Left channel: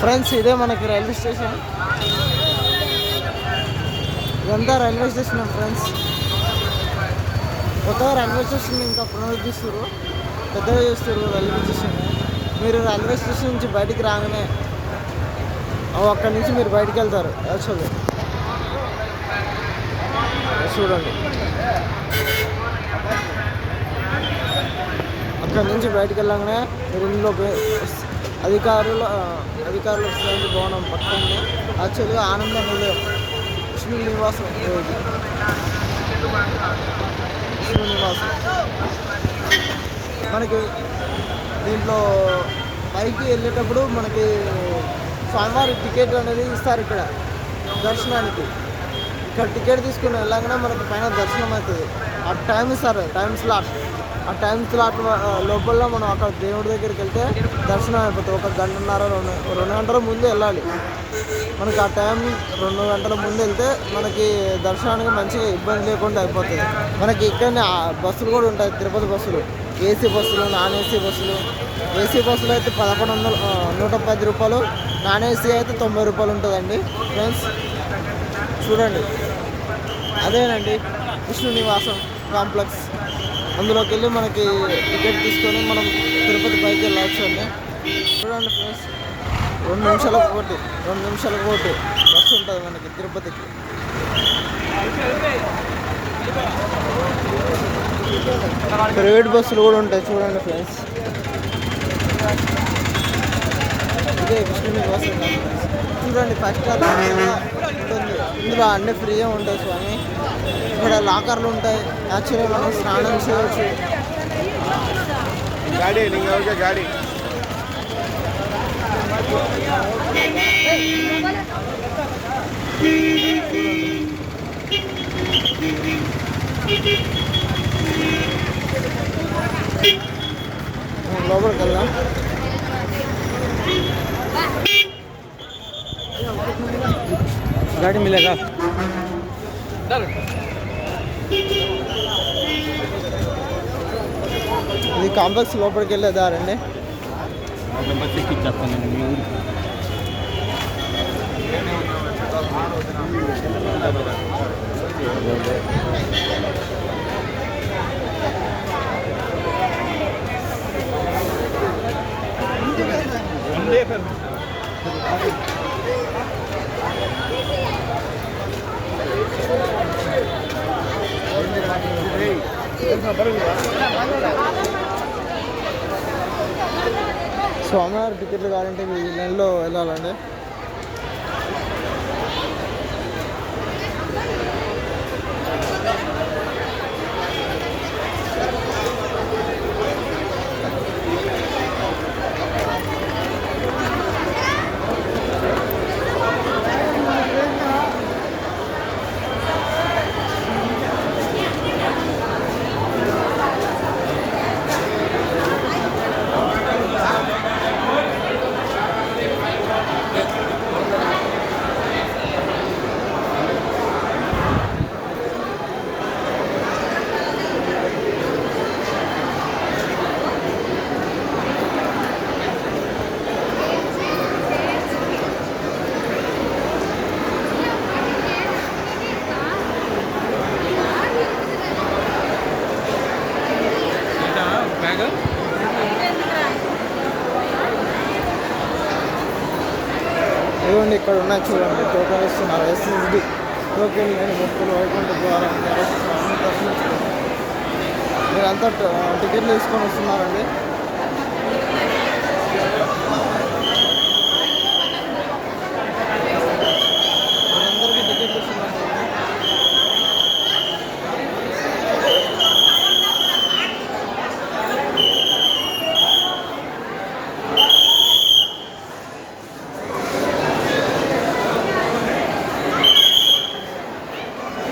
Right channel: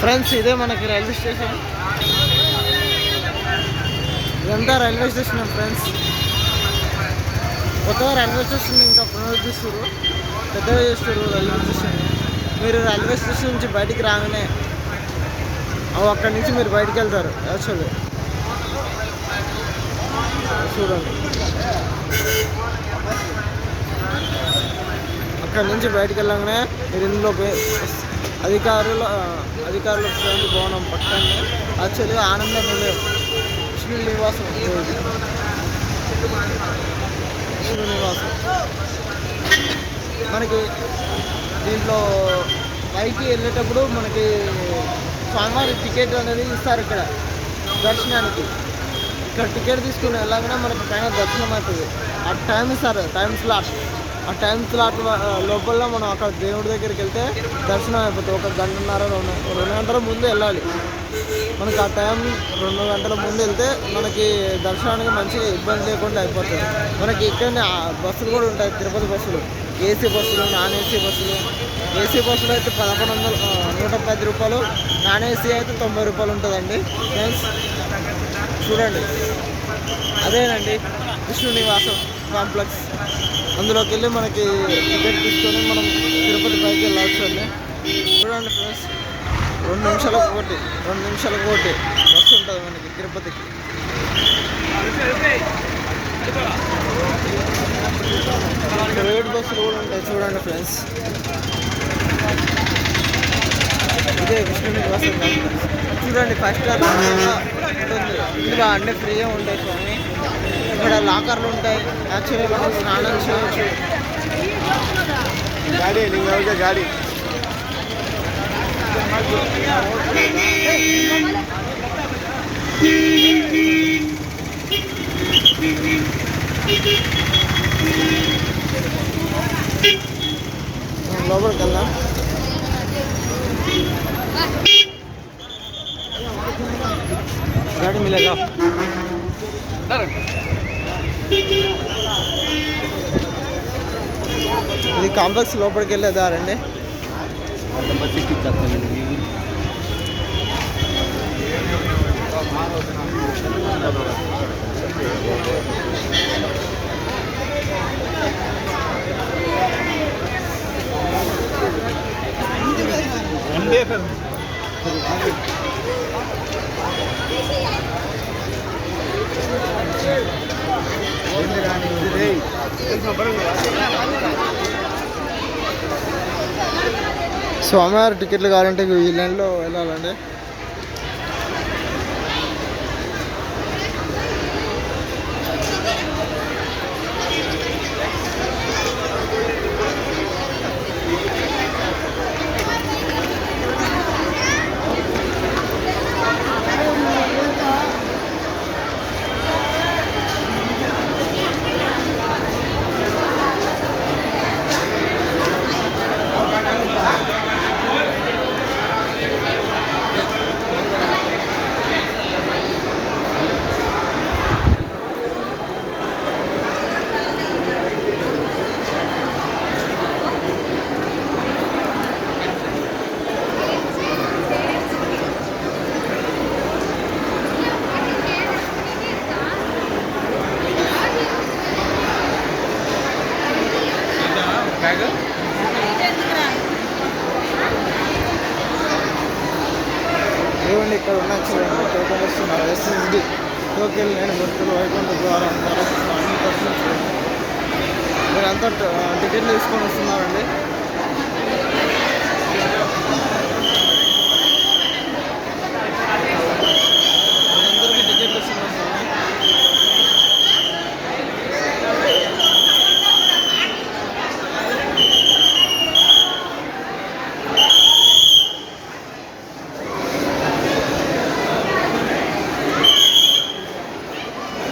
Friends ఇదే మనకి railway station. ఇదంతా రైల్వే స్టేషన్ ఫ్రెండ్స్. కొత్తగా రైల్వే స్టేషన్ ఇంకా పునరుద్ధరిస్తారు, పెద్దగా చేస్తారు రైల్వే స్టేషన్. మీరు రైల్వే స్టేషన్ నుంచి బయటికి రాగానే అక్కడి నుంచి మీరు బయటికి వెళ్తారు. యాక్చువల్లీ చూడండి, అక్కడి నుంచి బయటికి వెళ్ళగానే మీరు ఇందులో అధికారుల విశ్రాంతి భవనం పక్కనే యాక్చువల్గా ఆనంద నిలయం విష్ణు నివాసం. విష్ణు నివాసం మనకి దీంట్లో పైకి వెళ్ళేటప్పుడు మనకి స్వామివారి టికెట్ అనేది ఇస్తారు ఇక్కడ దర్శనానికి. ఇక్కడ టికెట్ తీసుకుని వెళ్ళగానే మనకి పైన దర్శనం అవుతుంది. ఆ టైం ఇస్తారు, టైం స్లాట్. ఆ టైం స్లాట్ లోపల మనం అక్కడ దేవుడి దగ్గరికి వెళ్తే దర్శనం అయిపోతుంది. 1 గంటన్నర 2 గంటల ముందు వెళ్ళాలి. మనకి ఆ టైం 2 గంటల ముందు వెళ్తే మనకి దర్శనానికి మంచిగా ఇబ్బంది లేకుండా అయిపోతుంది. మనకి ఇక్కడనే బస్సులు కూడా ఉంటాయి, తిరుపతి బస్సులు, ఏసీ బస్సులు, నాన్ ఏసీ బస్సులు. ఏసీ బస్సులు అయితే 110 రూపాయలు, నాన్ ఏసీ అయితే 90 రూపాయలు ఉంటుందండి ఫ్రెండ్స్. చూడండి, అదేనండి విష్ణు నివాసం కాంప్లెక్స్. అందులోకి వెళ్ళి మనకి టికెట్ తీసుకొని మనం తిరుపతి పైకి వెళ్ళవచ్చు అండి. చూడండి ఫ్రెండ్స్, 2 నిమిషాలకు ఒకటి బస్సు ఉంటుంది మనకి తిరుపతికి. ప్రైవేట్ బస్సులు కూడా ఉంటాయి చూడండి ఫ్రెండ్స్. ఇదే విష్ణు నివాసం కాంప్లెక్స్. చూడండి, 5 స్టార్ ఉంటుంది. ఇందులో అన్నీ ఫ్రీగా ఉంటాయి స్వామి. ఇక్కడ లాకర్లు ఉంటాయి. యాక్చువల్లీ మనం స్నానం చేయవచ్చు. గాడి గాడి లోపలికి వెళ్దాం. गाड़ी मिलेगा। ఇది కాంప్లెక్స్ లోపలికి వెళ్ళే దారండి. స్వామివారి టికెట్లు కావాలంటే ఈ లైన్లో వెళ్ళాలండి. ఇవ్వండి, ఇక్కడ ఉన్నాయి చూడండి, టోకెన్ ఇస్తున్నారు. SSD టోకెన్ లేని భక్తులు వైకుంఠ ద్వారా అన్ని దర్శించుకోండి. మీరంతా టికెట్లు తీసుకొని వస్తున్నారండి.